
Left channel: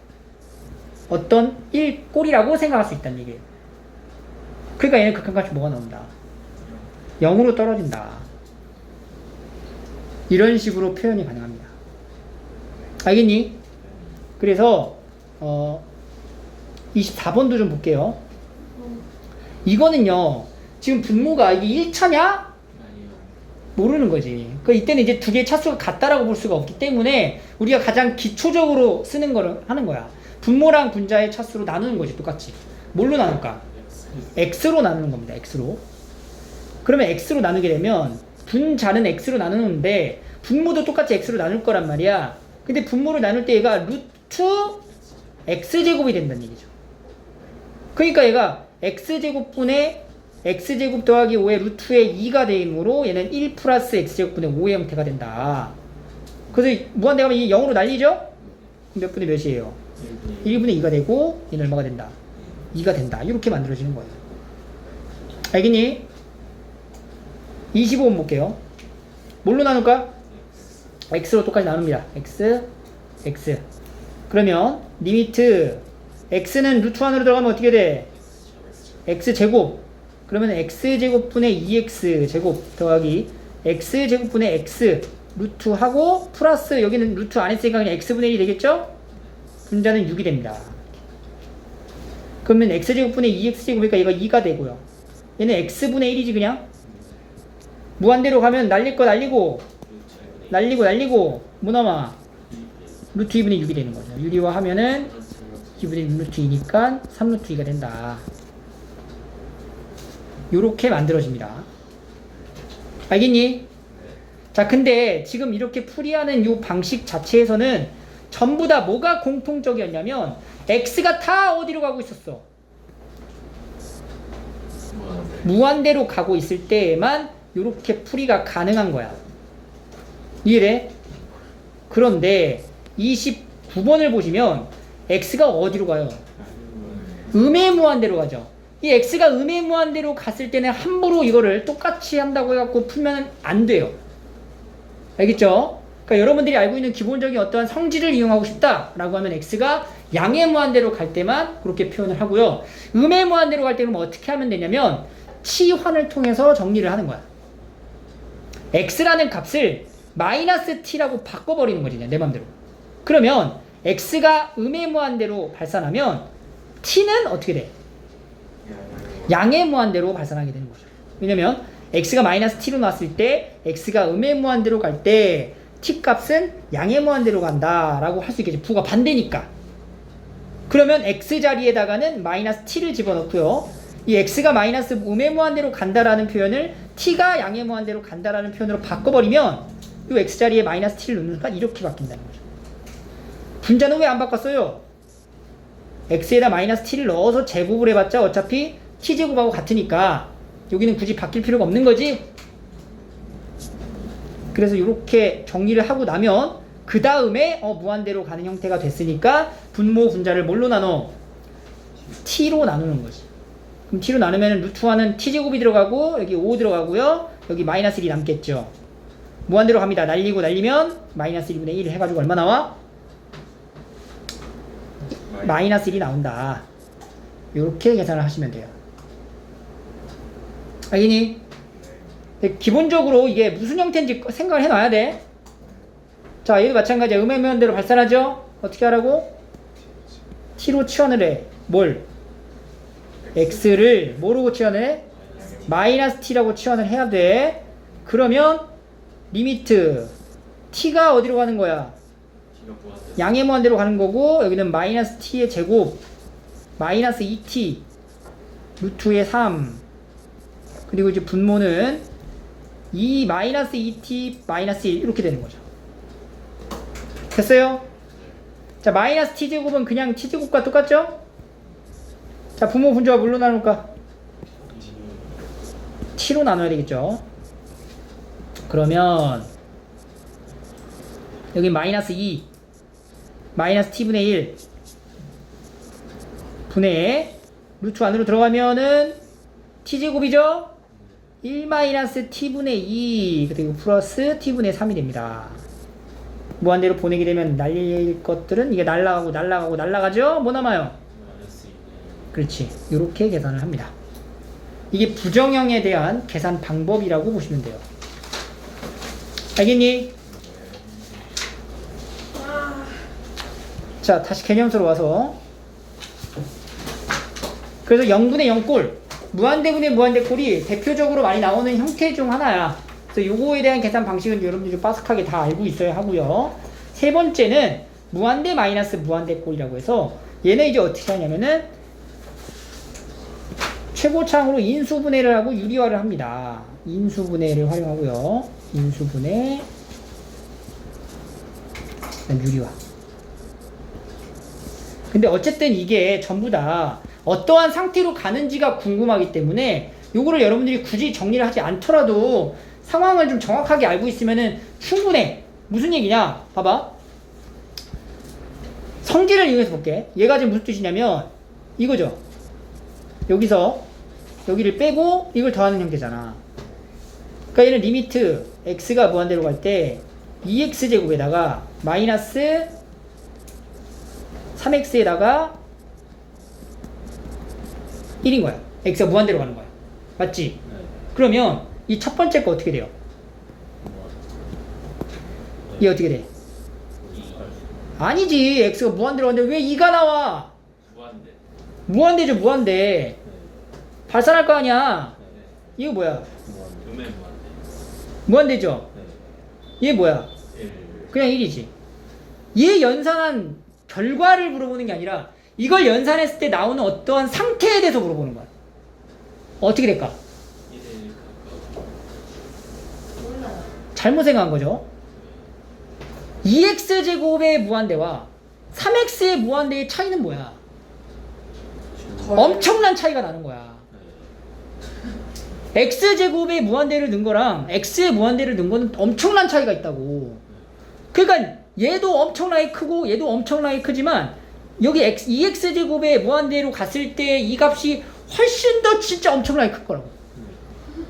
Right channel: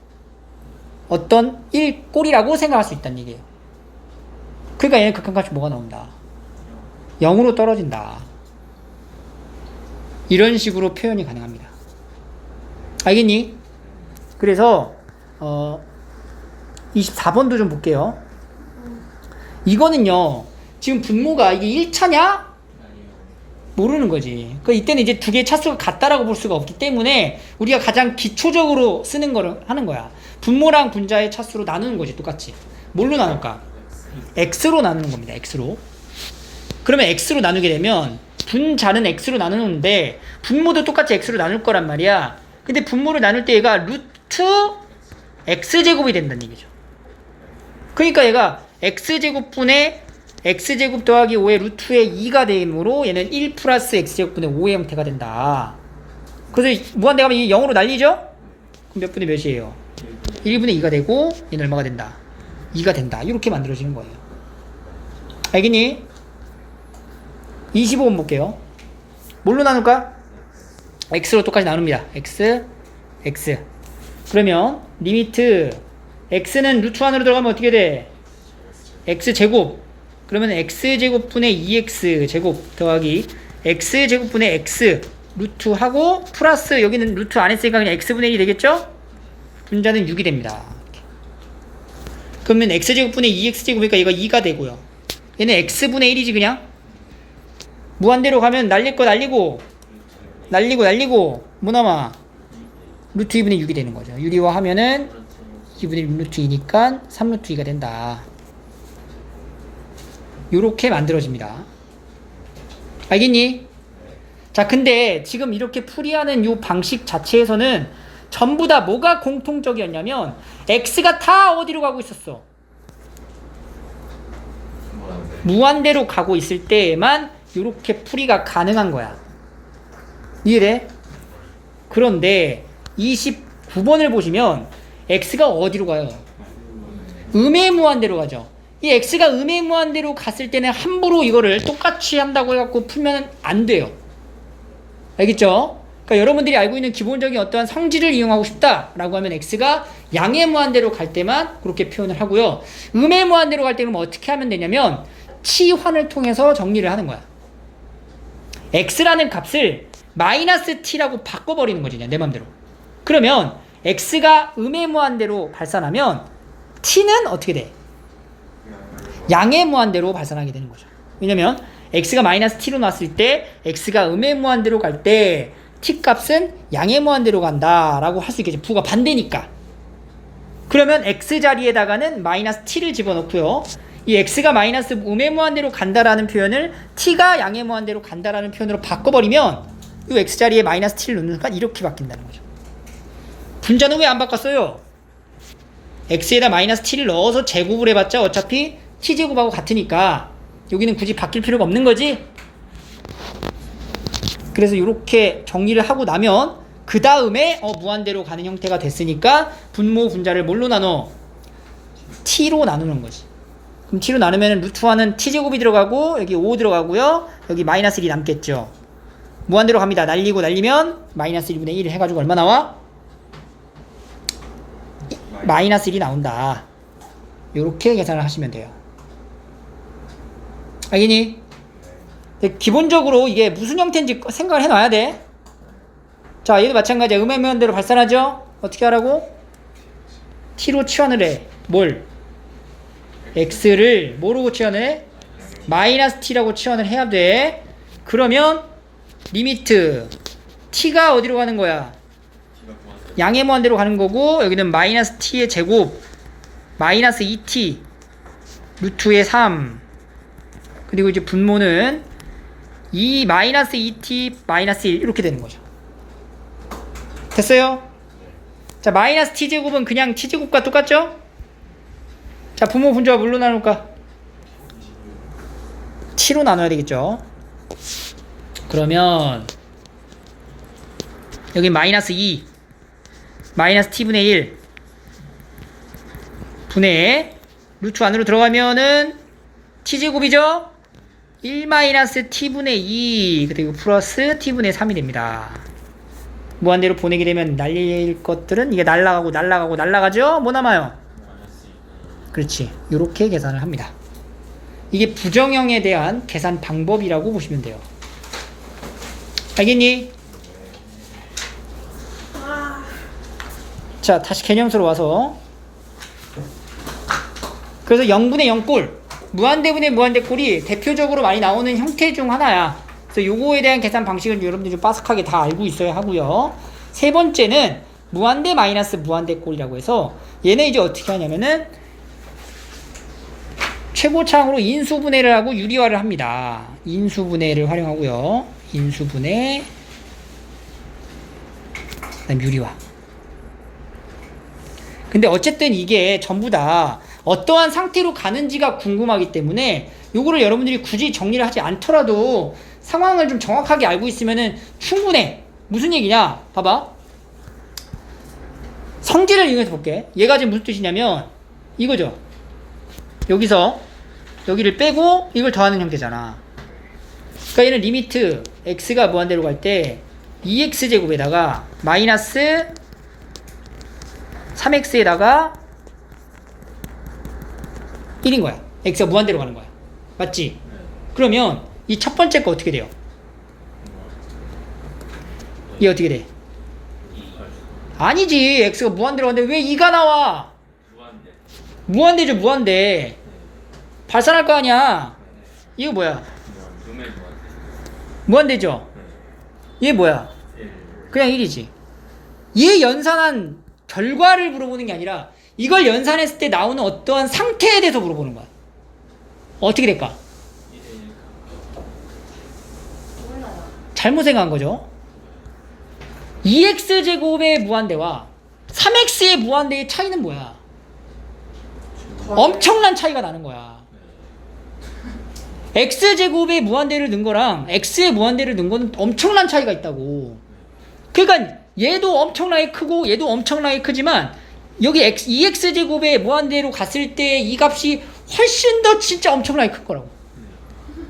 어떤 1꼴이라고 생각할 수 있다는 얘기예요. 그러니까 얘는 극한값이 뭐가 나온다? 0으로 떨어진다. 이런 식으로 표현이 가능합니다. 알겠니? 그래서 24번도 좀 볼게요. 이거는요, 지금 분모가 이게 1차냐? 모르는 거지. 그 이때는 이제 두 개의 차수가 같다라고 볼 수가 없기 때문에 우리가 가장 기초적으로 쓰는 거를 하는 거야. 분모랑 분자의 차수로 나누는 거지, 똑같이. 뭘로 나눌까? x로 나누는 겁니다. x로. 그러면 x로 나누게 되면 분자는 x로 나누는데 분모도 똑같이 x로 나눌 거란 말이야. 근데 분모를 나눌 때 얘가 루트 x제곱이 된다는 얘기죠. 그러니까 얘가 x제곱분의 x제곱 더하기 5의 루트의 2가 되므로 얘는 1 플러스 x제곱분의 5의 형태가 된다. 그래서 무한대가면 이게 0으로 날리죠? 그럼 몇 분의 몇이에요? 1분의 2가 되고 얘는 얼마가 된다? 2가 된다. 이렇게 만들어지는 거예요. 알겠니? 25번 볼게요. 뭘로 나눌까? x로 똑같이 나눕니다. x, x. 그러면 리미트 x는 루트 안으로 들어가면 어떻게 돼? x제곱. 그러면 x제곱분의 2x제곱 더하기 x제곱분의 x 루트하고 플러스 여기는 루트 안 했으니까 그냥 x분의 1이 되겠죠? 분자는 6이 됩니다. 그러면 x제곱분의 2x제곱이니까 얘가 2가 되고요. 얘는 x분의 1이지 그냥. 무한대로 가면 날릴 거 날리고 뭐 남아? 루트 2분의 6이 되는 거죠. 유리화 하면은 2분의 6 루트 2니까 3 루트 2가 된다. 요렇게 만들어집니다. 알겠니? 자, 근데 지금 이렇게 풀이하는 요 방식 자체에서는 전부 다 뭐가 공통적이었냐면 x가 다 어디로 가고 있었어? 무한대로 가고 있을 때에만 요렇게 풀이가 가능한 거야. 이해돼? 그런데 29번을 보시면 x가 어디로 가요? 음의 무한대로 가죠. 이 x가 음의 무한대로 갔을 때는 함부로 이거를 똑같이 한다고 해갖고 풀면 안 돼요. 알겠죠? 그러니까 여러분들이 알고 있는 기본적인 어떠한 성질을 이용하고 싶다라고 하면 x가 양의 무한대로 갈 때만 그렇게 표현을 하고요. 음의 무한대로 갈 때는 어떻게 하면 되냐면 치환을 통해서 정리를 하는 거야. x라는 값을 마이너스 t라고 바꿔버리는 거지, 내 맘대로. 그러면 x가 음의 무한대로 발산하면 t는 어떻게 돼? 양의 무한대로 발산하게 되는 거죠. 왜냐면 x가 마이너스 t로 나왔을 때 x가 음의 무한대로 갈 때 t 값은 양의 무한대로 간다 라고 할 수 있겠지. 부가 반대니까. 그러면 x 자리에다가는 마이너스 t를 집어넣고요. 이 x가 마이너스 음의 무한대로 간다라는 표현을 t가 양의 무한대로 간다라는 표현으로 바꿔버리면 이 x 자리에 마이너스 t를 넣는 순간 이렇게 바뀐다는 거죠. 분자는 왜 안 바꿨어요? x에다 마이너스 t를 넣어서 제곱을 해봤자 어차피 t제곱하고 같으니까 여기는 굳이 바뀔 필요가 없는 거지. 그래서 이렇게 정리를 하고 나면 그 다음에 무한대로 가는 형태가 됐으니까 분모 분자를 뭘로 나눠? t로 나누는 거지. 그럼 t로 나누면 루트화는 t제곱이 들어가고 여기 5 들어가고요. 여기 마이너스 1이 남겠죠. 무한대로 갑니다. 날리면 마이너스 1분의 1 해가지고 얼마 나와? 마이너스 1이 나온다. 이렇게 계산을 하시면 돼요. 알겠니? 기본적으로 이게 무슨 형태인지 생각을 해놔야 돼. 자, 얘도 마찬가지야. 음의 무한대로 발산하죠? 어떻게 하라고? t로 치환을 해. 뭘? x를 뭐로 치환을 해? 마이너스 t라고 치환을 해야 돼. 그러면 리미트 t가 어디로 가는 거야? 양의 무한대로 가는 거고 여기는 마이너스 t의 제곱 마이너스 2t 루트의 3 그리고 이제 분모는 2 마이너스 2t 마이너스 1 이렇게 되는 거죠. 됐어요? 자, 마이너스 t제곱은 그냥 t제곱과 똑같죠? 자, 분모 분자가 뭘로 나눌까? t로 나눠야 되겠죠. 그러면 여기 마이너스 2 마이너스 t분의 1 분의 루트 안으로 들어가면은 t제곱이죠? 1 마이너스 t분의 2 그리고 플러스 t분의 3이 됩니다. 무한대로 보내게 되면 날릴 것들은 이게 날라가죠? 뭐 남아요? 그렇지. 이렇게 계산을 합니다. 이게 부정형에 대한 계산 방법이라고 보시면 돼요. 알겠니? 자, 다시 개념수로 와서. 그래서 0분의 0꼴, 무한대분의 무한대꼴이 대표적으로 많이 나오는 형태 중 하나야. 그래서 요거에 대한 계산 방식을 여러분들이 좀 빠삭하게 다 알고 있어야 하고요. 세 번째는 무한대 마이너스 무한대꼴이라고 해서 얘는 이제 어떻게 하냐면은 최고차항으로 인수분해를 하고 유리화를 합니다. 인수분해를 활용하고요. 인수분해, 그다음 유리화. 근데 어쨌든 이게 전부 다 어떠한 상태로 가는지가 궁금하기 때문에 요거를 여러분들이 굳이 정리를 하지 않더라도 상황을 좀 정확하게 알고 있으면은 충분해. 무슨 얘기냐? 봐봐. 성질을 이용해서 볼게. 얘가 지금 무슨 뜻이냐면 이거죠. 여기서 여기를 빼고 이걸 더하는 형태잖아. 그러니까 얘는 리미트 x가 무한대로 갈 때 2x제곱에다가 마이너스 3x에다가 1인 거야. x가 무한대로 가는 거야. 맞지? 네. 그러면 이 첫 번째 거 어떻게 돼요? 이 어떻게 돼? 아니지. x가 무한대로 가는데 왜 2가 나와? 무한대. 무한대죠. 무한대. 네. 발산할 거 아니야. 네. 이거 뭐야? 루멘 무한대. 무한대죠. 네. 얘 뭐야? 1. 그냥 1이지. 얘 연산한 결과를 물어보는 게 아니라 이걸 연산했을 때 나오는 어떠한 상태에 대해서 물어보는 거야. 어떻게 될까? 1. 몰라요. 잘못 생각한 거죠. 2x제곱의 무한대와 3x의 무한대의 차이는 뭐야? 엄청난 차이가 나는 거야. x제곱의 무한대를 넣은 거랑 x의 무한대를 넣은 거는 엄청난 차이가 있다고. 그러니까 얘도 엄청나게 크고 얘도 엄청나게 크지만 여기 2x제곱의 무한대로 갔을 때 이 값이 훨씬 더 진짜 엄청나게 클 거라고.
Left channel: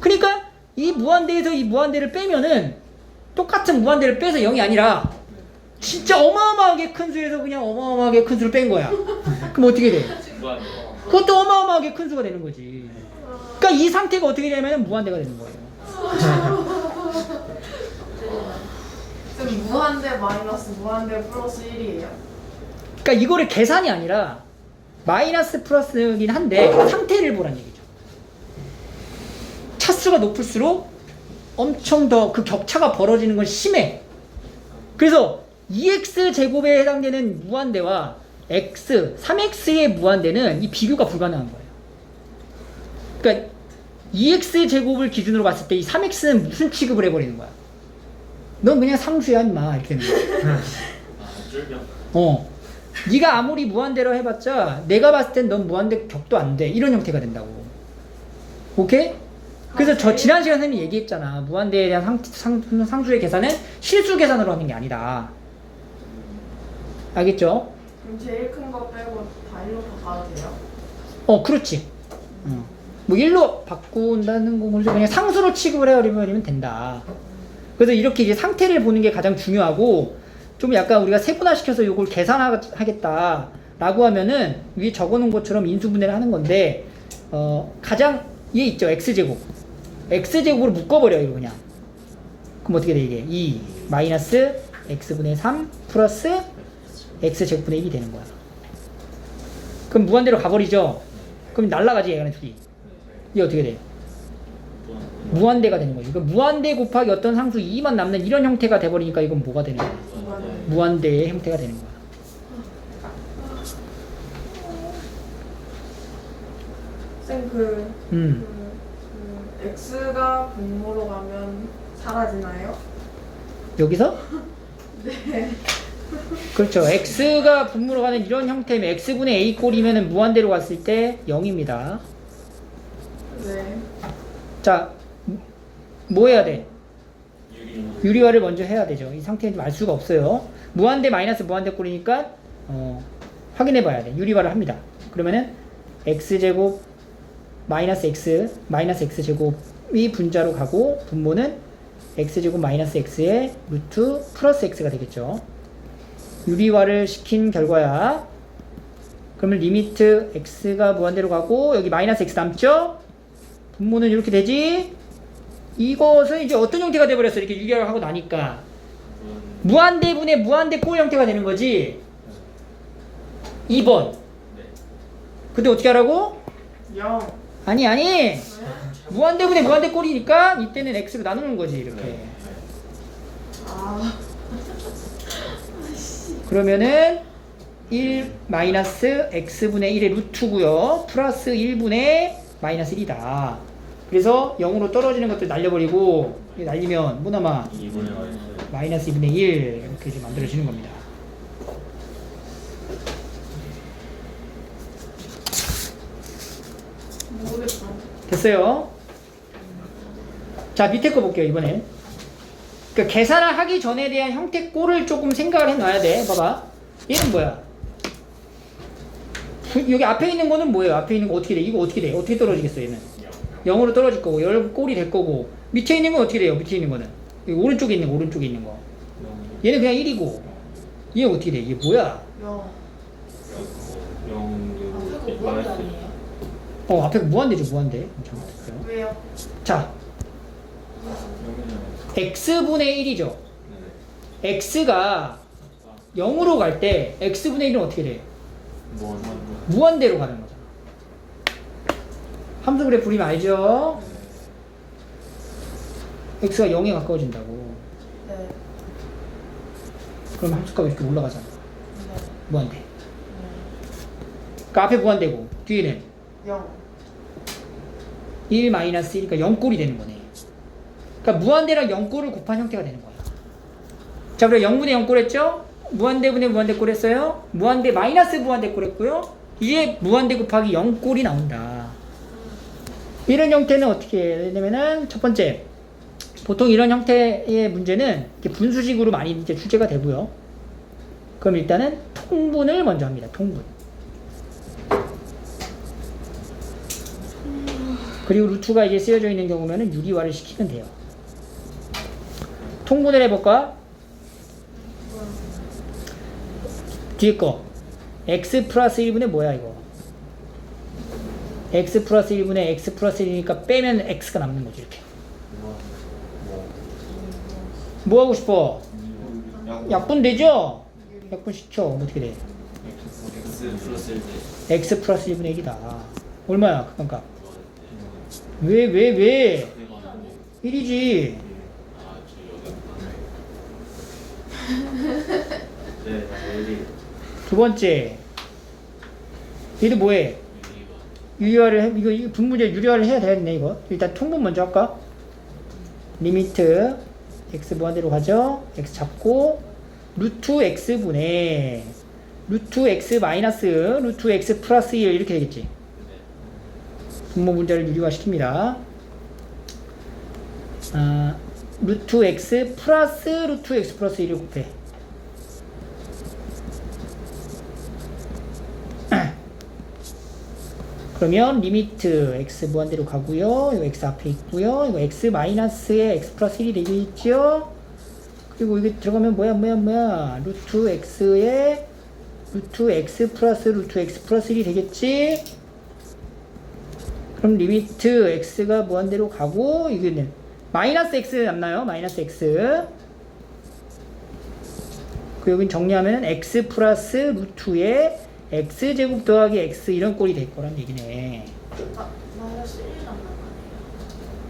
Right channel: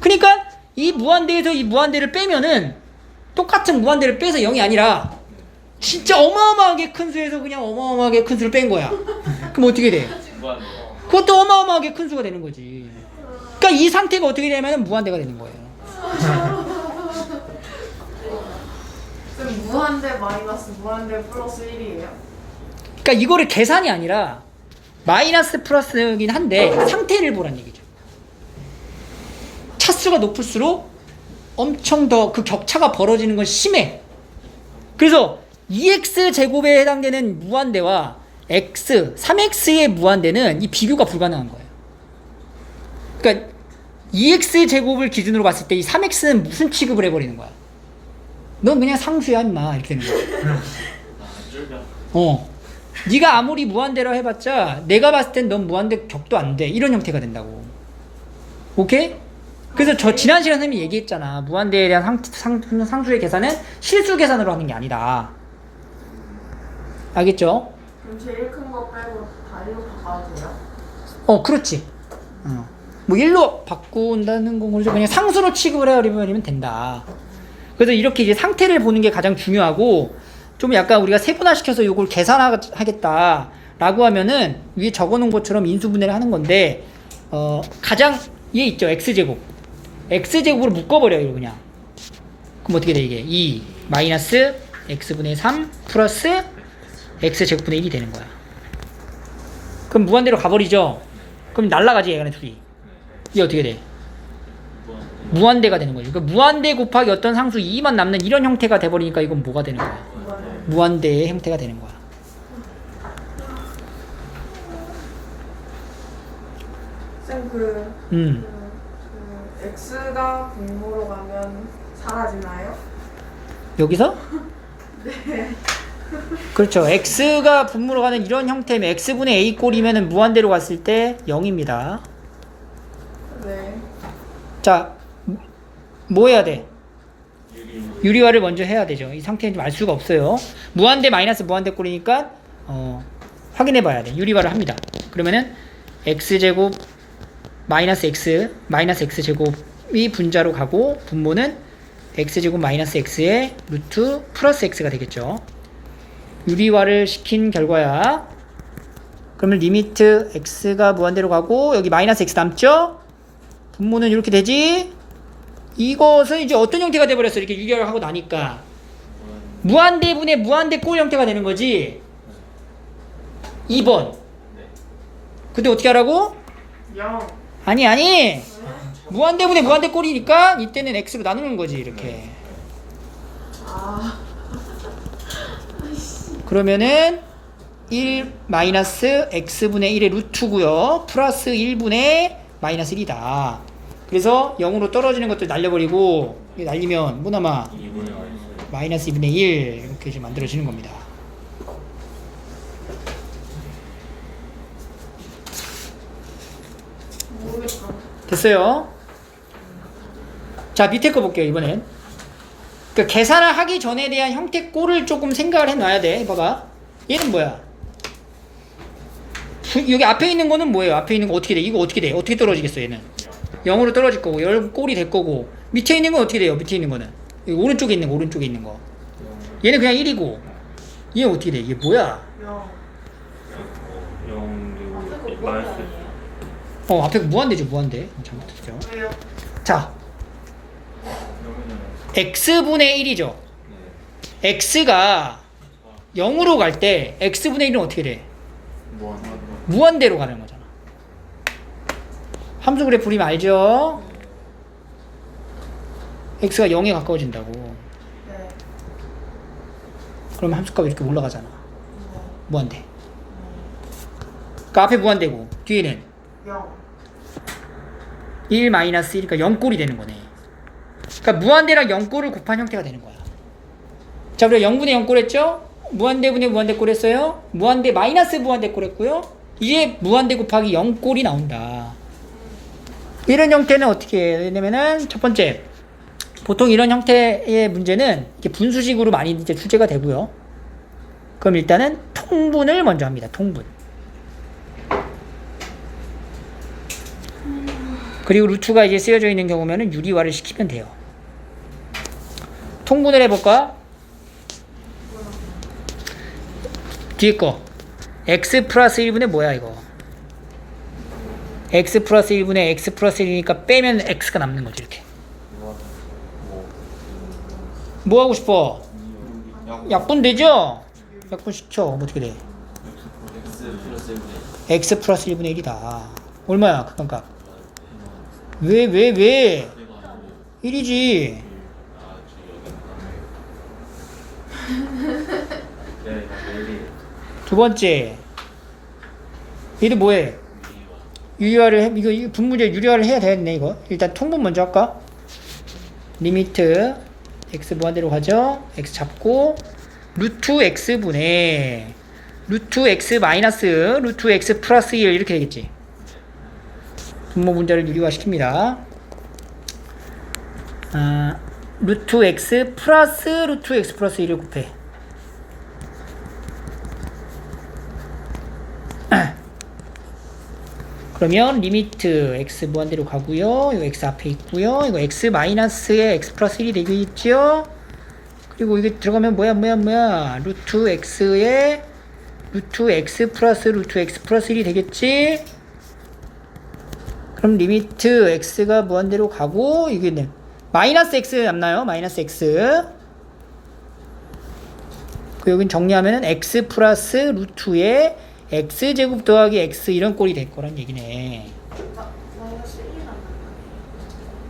그러니까 이 무한대에서 이 무한대를 빼면은 똑같은 무한대를 빼서 0이 아니라 진짜 어마어마하게 큰 수에서 그냥 어마어마하게 큰 수를 뺀 거야. 그럼 어떻게 돼? 무한대. 그것도 어마어마하게 큰 수가 되는 거지. 그러니까 이 상태가 어떻게 되냐면 무한대가 되는 거예요. 그럼 무한대 마이너스 무한대 플러스 1이에요? 그러니까 이거를 계산이 아니라 마이너스 플러스긴 한데 상태를 보란 얘기죠. 차수가 높을수록 엄청 더 그 격차가 벌어지는 건 심해. 그래서 2x제곱에 해당되는 무한대와 x, 3x의 무한대는 이 비교가 불가능한 거예요. 그러니까 2x제곱을 기준으로 봤을 때 이 3x는 무슨 취급을 해버리는 거야? 넌 그냥 상수야 임마 이렇게 되는 거야. 아, 쫄병. 네가 아무리 무한대로 해봤자 내가 봤을 땐 넌 무한대 격도 안 돼. 이런 형태가 된다고. 오케이? 그래서 저 지난 시간 선생님이 얘기했잖아. 무한대에 대한 상수의 계산은 실수 계산으로 하는 게 아니다. 알겠죠? 그럼 제일 큰 거 빼고 다 1로 바꿔도 돼요? 그렇지. 뭐 1로 바꾼다는 건 그냥 상수로 취급을 해버리면 된다. 그래서 이렇게 이제 상태를 보는 게 가장 중요하고, 좀 약간 우리가 세분화시켜서 이걸 계산하겠다라고 하면은 위에 적어놓은 것처럼 인수분해를 하는 건데, 가장 얘 있죠. x제곱. x제곱으로 묶어버려요, 그냥. 그럼 어떻게 돼, 이게? 2 마이너스 x분의 3 플러스 x제곱분의 1이 되는 거야. 그럼 무한대로 가버리죠? 그럼 날라가지, 얘는 둘이. 이게 어떻게 돼? 무한대가 되는 거죠. 그러니까 무한대 곱하기 어떤 상수 2만 남는 이런 형태가 돼버리니까 이건 뭐가 되는 거야? 무한대의 형태가 되는 거야. 쌤 x가 분모로 가면 사라지나요? 여기서? 네. 그렇죠. x가 분모로 가는 이런 형태면 x분의 a 꼴이면 무한대로 갔을 때 0입니다. 네. 자, 뭐 해야 돼? 유리화를 먼저 해야 되죠. 이 상태는 좀 알 수가 없어요. 무한대 마이너스 무한대 꼴이니까 확인해 봐야 돼. 유리화를 합니다. 그러면은 x제곱 마이너스 x 제곱이 분자로 가고 분모는 x제곱 마이너스 x의 루트 플러스 x가 되겠죠. 유리화를 시킨 결과야. 그러면 리미트 x가 무한대로 가고 여기 마이너스 x 남죠? 분모는 이렇게 되지? 이것은 이제 어떤 형태가 돼버렸어? 이렇게 유리화를 하고 나니까 무한대분의 무한대 꼴 형태가 되는 거지. 2번. 네. 근데 어떻게 하라고? 0. 아니. 무한대분의 무한대 꼴이니까 이때는 x로 나누는 거지 이렇게. 아. 그러면은 1 마이너스 x분의 1의 루트고요. 플러스 1분의 마이너스 1이다. 그래서 0으로 떨어지는 것들 날려버리고 이게 날리면 뭐 남아? 2분의 y 마이너스 2분의 1 이렇게 이제 만들어지는 겁니다. 모르겠다. 됐어요? 자 밑에 거 볼게요 이번엔. 그러니까 계산을 하기 전에 대한 형태 꼴을 조금 생각을 해놔야 돼. 봐봐. 얘는 뭐야? 여기 앞에 있는 거는 뭐예요? 앞에 있는 거 어떻게 돼? 이거 어떻게 돼? 어떻게 떨어지겠어 얘는? 0으로 떨어질 거고 열 꼴이 될 거고 밑에 있는 건 어떻게 돼요? 밑에 있는 거는 여기 오른쪽에 있는 거 오른쪽에 있는 거 얘는 그냥 1이고 얘 어떻게 돼? 이게 뭐야? 0. 0 앞에 거 마이너스 아니에요? 앞에 거 무한대죠 무한대. 잘못했어요. 왜요? 자 0이잖아요. x분의 1이죠. 네. x가 0으로 갈 때 x분의 1은 어떻게 돼? 무한 무한대로 가는 거잖아. 함수 그래프 그리면 알죠? x가 0에 가까워진다고. 네. 그러면 함수값이 이렇게 올라가잖아. 네. 무한대. 그러니까 앞에 무한대고 뒤에는 0. 1 마이너스 1이니까 0꼴이 되는 거네. 그러니까 무한대랑 0꼴을 곱한 형태가 되는 거야. 자, 우리가 0분의 0꼴 했죠? 무한대분의 무한대꼴 했어요. 무한대 마이너스 무한대꼴 했고요. 이제 무한대 곱하기 0꼴이 나온다. 이런 형태는 어떻게 해요? 왜냐면은 첫 번째 보통 이런 형태의 문제는 이렇게 분수식으로 많이 이제 출제가 되고요. 그럼 일단은 통분을 먼저 합니다. 통분. 그리고 루트가 이제 쓰여져 있는 경우면은 유리화를 시키면 돼요. 통분을 해볼까? 뒤에 거 x 플러스 1분의 뭐야 이거? x 플러스 1분의 x 플러스 1이니까 빼면 x가 남는 거지 이렇게. 뭐 하고 싶어? 약분 되죠? 약분 시켜. 뭐 어떻게 돼? x 플러스 1분의 1이다. 얼마야 그건가? 왜? 1이지. 두 번째 얘도 뭐해? 유리화를 해. 이거 분모제 유리화를 해야 되겠네 이거. 일단 통분 먼저 할까? 리미트 x 무한대로 가죠. x 잡고 루트 x분의 루트 x 마이너스 루트 x 플러스 1 이렇게 되겠지. 분모 문자를 유리화 시킵니다. 루트 x 플러스 루트 x 플러스 1을 곱해. 그러면 리미트 x 무한대로 가고요. 이거 x 앞에 있고요. 이거 x 마이너스에 x 플러스 1이 되겠죠. 그리고 이게 들어가면 뭐야? 루트 x에 루트 x 플러스 루트 x 플러스 1이 되겠지. 그럼 리미트 x가 무한대로 가고 이게 마이너스 x 남나요? 마이너스 x. 여긴 정리하면 x 플러스 루트에 x제곱 더하기 x 이런 꼴이 될 거란 얘기네. 마이너스 1이 남는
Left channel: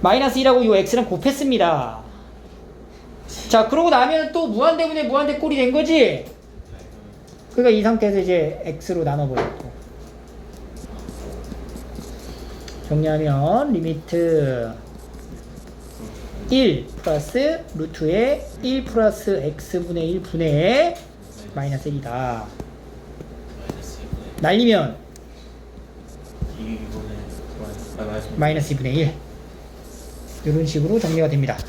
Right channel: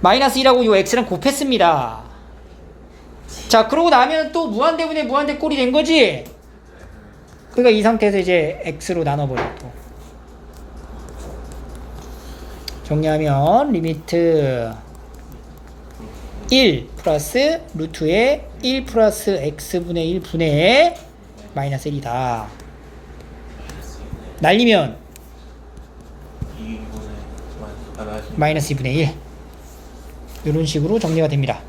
마이너스 1하고 요 x랑 곱했습니다. 자, 그러고 나면 또 무한대분의 무한대 꼴이 된 거지? 그러니까 이 상태에서 이제 x로 나눠버려 또. 정리하면 리미트 1 플러스 루트에 1 플러스 x분의 1 분의 마이너스 1이다. 날리면 마이너스 2분의 1 이런 식으로 정리가 됩니다.